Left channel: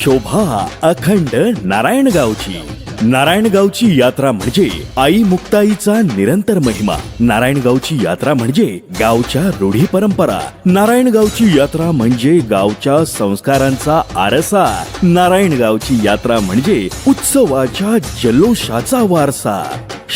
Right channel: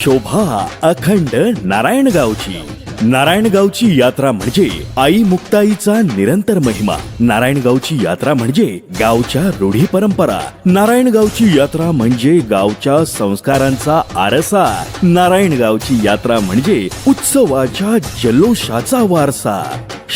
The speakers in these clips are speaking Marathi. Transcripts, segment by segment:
शोभा अखंड नारायणगावची. नारायणगावची यात्रा म्हणजे आई मुक्ताईचा निरंतर महिमा. नारायणगावची यात्रा म्हणजे गावच्या रूढी परंपरा. नारायणगावची यात्रा म्हणजे गावच्या संस्कारांचा आरसा. नारायणगावची यात्रा म्हणजे उत्सवाच्या जल्लोषाचा वारसा.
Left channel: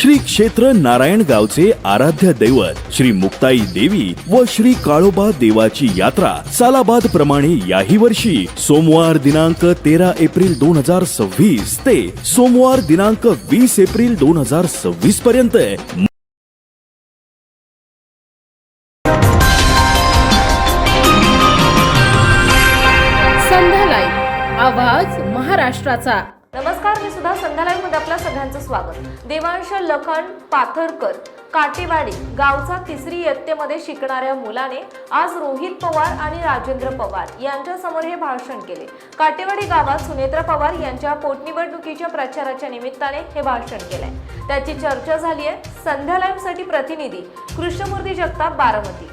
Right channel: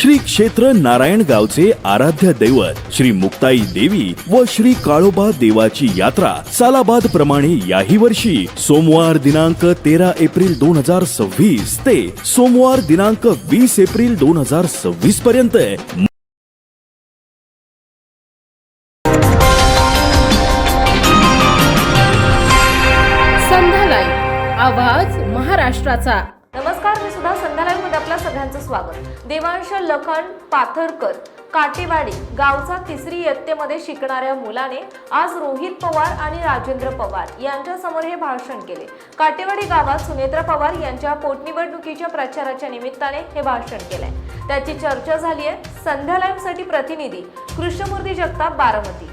श्री क्षेत्र नारायणगावचे आराध्य दैवत श्री मुक्ताई देवी व श्री काळोबा देवाची यात्रा सालाबाद प्रमाणे याही वर्षी सोमवार दिनांक 13 एप्रिल 2026 ते सोमवार दिनांक 20 एप्रिल 2026 पर्यंत संध्या लाईव्ह, आवाज महाराष्ट्राचा. नमस्कार, मी सुद्धा संध्या लाईव्ह मध्ये आपल्या सगळ्यांचं स्वागत. देवांश लखन पाथरकर काटेवाडी गावचा तिसरी इयत्तेमध्ये शिकणाऱ्या मुलाने आज रोहित पवार आणि राजेंद्र पवार यांच्या समोर हे भाषण केले. काटेवाडी गावात सुनेत्रा पवार यांच्या पोटनिवडणुकीच्या प्रचाराच्या निमित्ताने हे भाषण केलंय. त्याची चर्चा झाली आहे. संध्या लाईव्ह साठी प्रतिनिधी कृष्णमूर्ती जगताप, बारामती.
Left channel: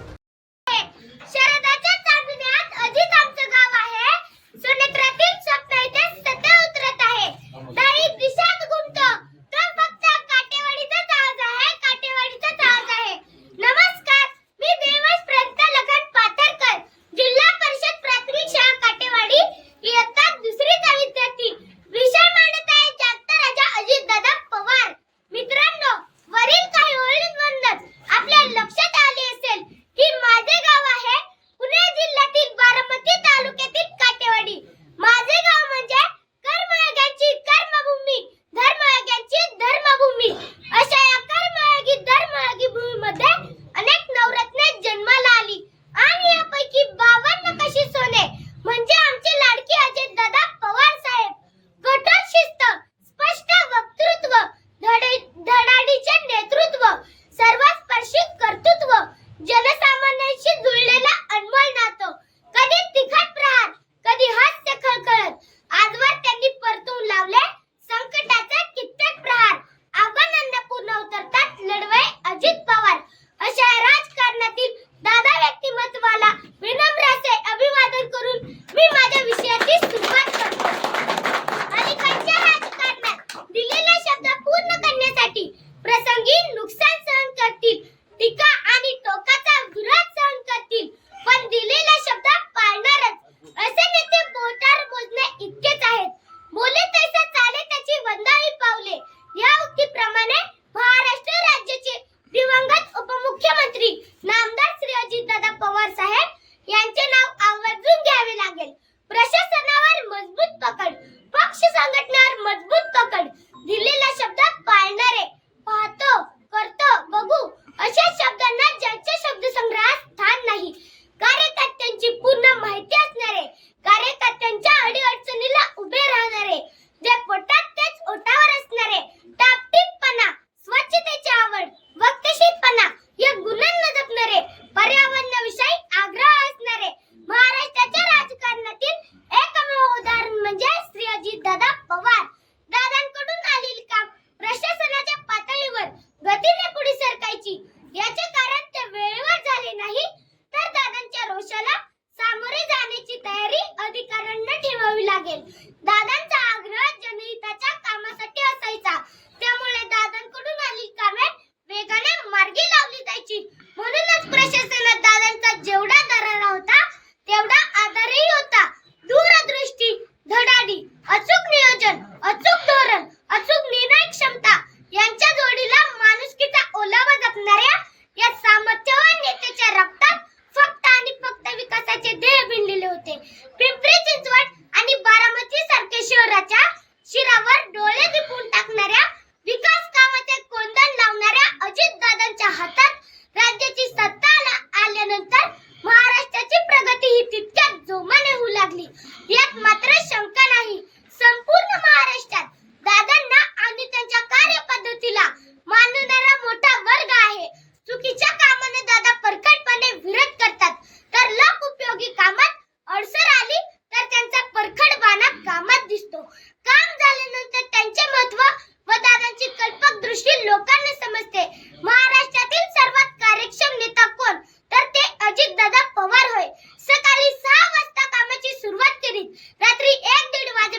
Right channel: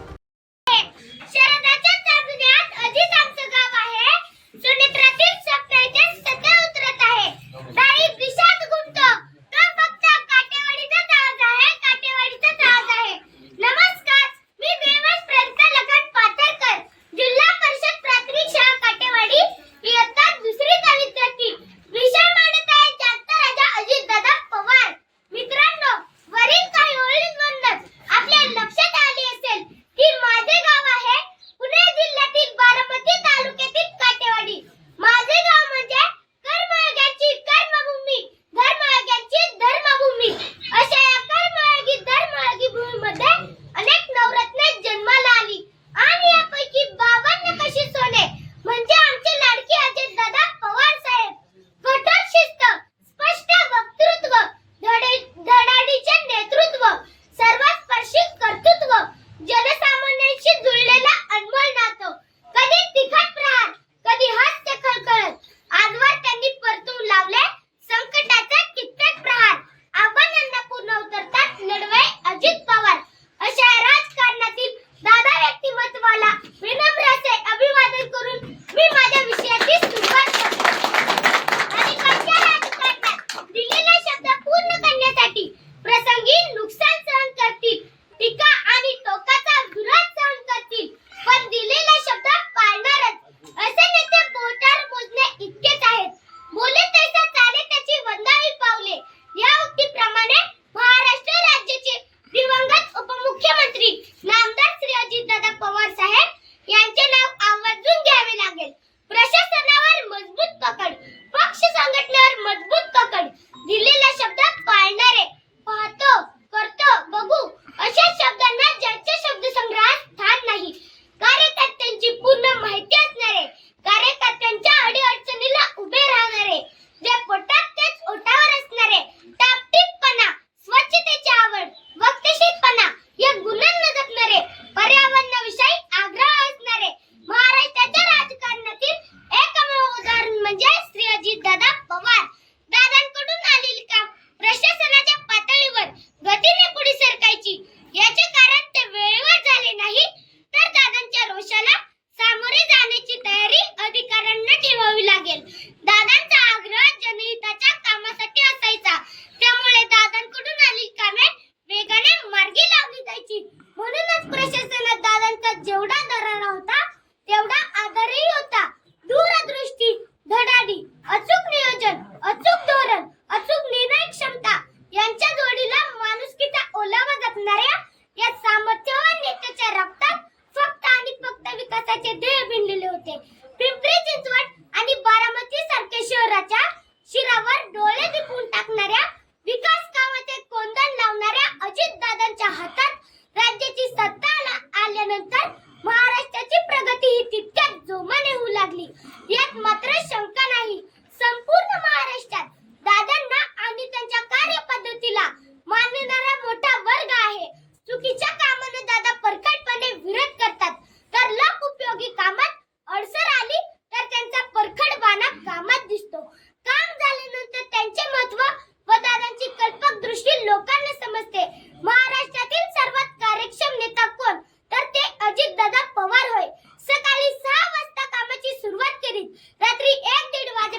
अजितदादा पवार होय. सकाळी 6 वाजता कामाची सुरुवात केली. रात्री 1-1:30 वाजता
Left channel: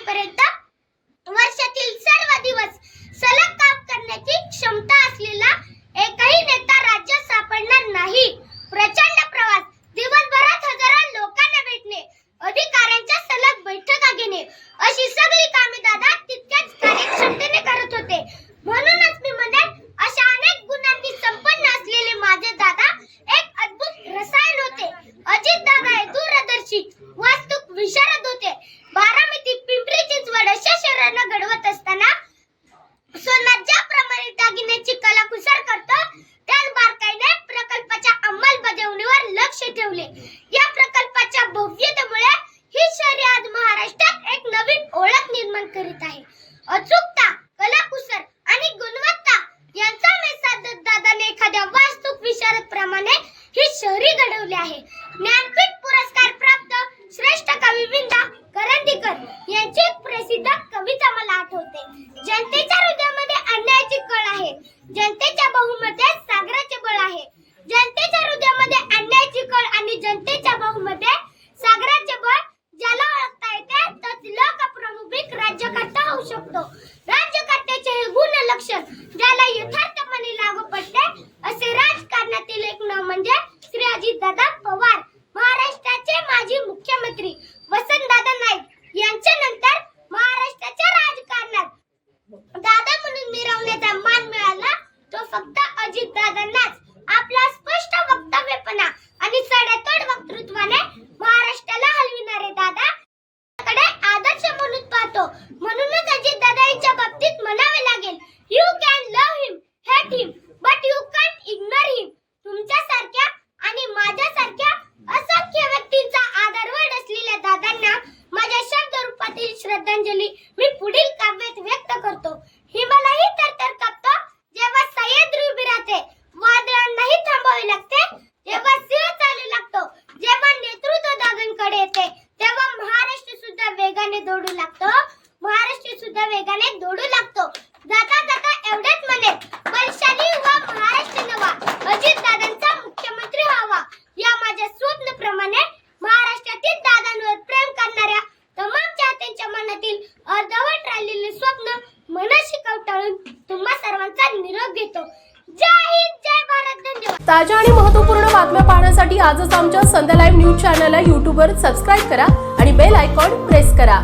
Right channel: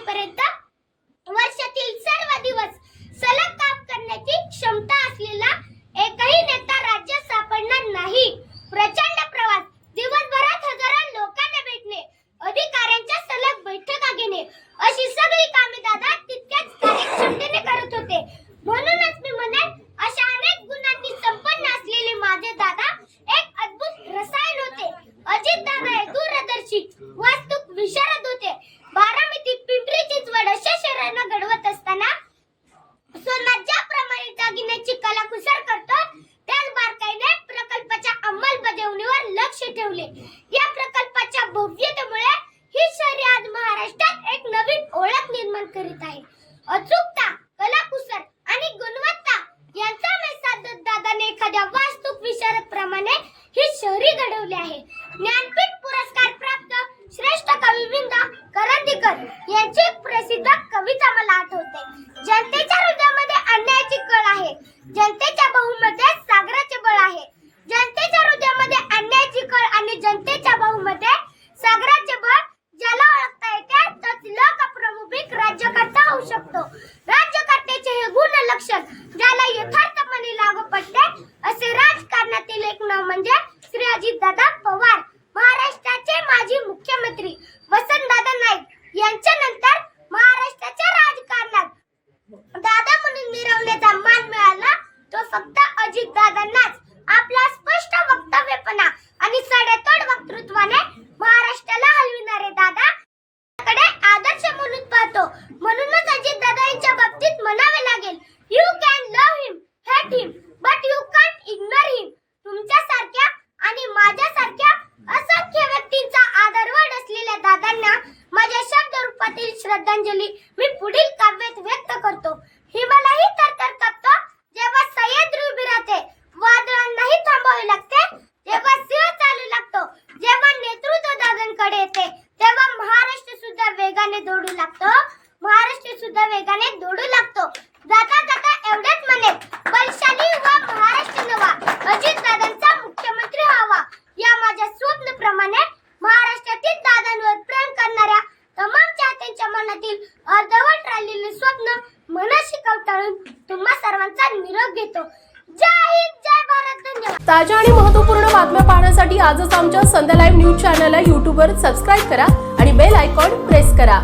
भव्यतेमुळे ही शहरे आज महाराष्ट्रात एक नवीन ओळख निर्माण करीत आहे. अचूकता, कलाकुसर आणि गुणवत्ता यांचा मेळ साधत दादाने एखाद्या वास्तुक विशारदप्रमाणे ही शहरी घडवली आहे. ज्ञानपीठ पुरस्कार प्राप्त श्रेष्ठ कवी विंदा करंदीकर यांची एक प्रसिद्ध कविता मला आठवते. जनतेच्या हृदयामध्ये अन्यायाची कळ आहे, जनतेच्या बाहुमध्ये सागराचे बळ आहे. जनतेच्या हृदयामध्ये अन्यायाची कळ आणि जनतेच्या बाहुमध्ये सागराचे बळ ज्याला ओळखता येते तोच लोकप्रमुख राज्यकर्ता होऊ शकतो. राज्यकर्त्याचे हे गुण लक्षण ज्याला यथार्थपणे लागू पडते असे राजकारणातील एक नाव म्हणजे श्री अजितदादा पवार. महाराष्ट्राचे माजी मुख्यमंत्री वसंतदादा नाईक यांच्या नंतर महाराष्ट्राच्या राजकारणात दादा म्हणून मिरवण्याचा मान मिळाला तो फक्त अजितदादांनाच. आपला स्पष्ट वक्तव्यपणा आणि सडेतोड वक्तृत्वाने महाराष्ट्राला हलविणारे दादा कडे आदर्श म्हणून पाहतो. म्हणूनच अजितदादा यांच्या बाबतीत म्हणावे लागेल, you can love him, hate him, but you can't ignore him. तुमच्यासारख्या आणि माझ्यासारख्या असंख्य व्यक्तींचा आदरवड असलेल्या दादांना माझ्या शब्द रूपातील श्रद्धांजली मी पुढील काव्यात व्यक्त करतो. हिमालयही थरथर कापतो जेव्हा सह्याद्री उभी राहते, वादळांनाही थांबावे लागते जेव्हा सिंह चालू लागतो. जेव्हा नेतृत्व दादांकडे येते तेव्हा महाराष्ट्र सुद्धा वेगाने दौडू लागतो. महाराष्ट्र सुद्धा वेगाने दौडू लागतो. जाता जाता एवढेच म्हणेन, बलशाली व महाराष्ट्र नवा, अजितदादांचा मुख्यमंत्री व्हावा. या माझ्या स्वप्नप्रमाणे महाराष्ट्रातील दादांवर प्रेम करणाऱ्या तमाम चाहत्यांच्या मनातील अर्धवट राहिलेले स्वप्न मनाशी कवटाळून तुम्हा सर्वांचा निरोप घेतो. जय हिंद, जय भारत, धन्यवाद. ताज्या आणि महत्त्वपूर्ण बातम्या पाहण्यासाठी आजच आमच्या संध्या लाईव्ह न्यूज चॅनलला यूट्यूबवर सबस्क्राईब करा आणि बेल आयकॉन प्रेस करा.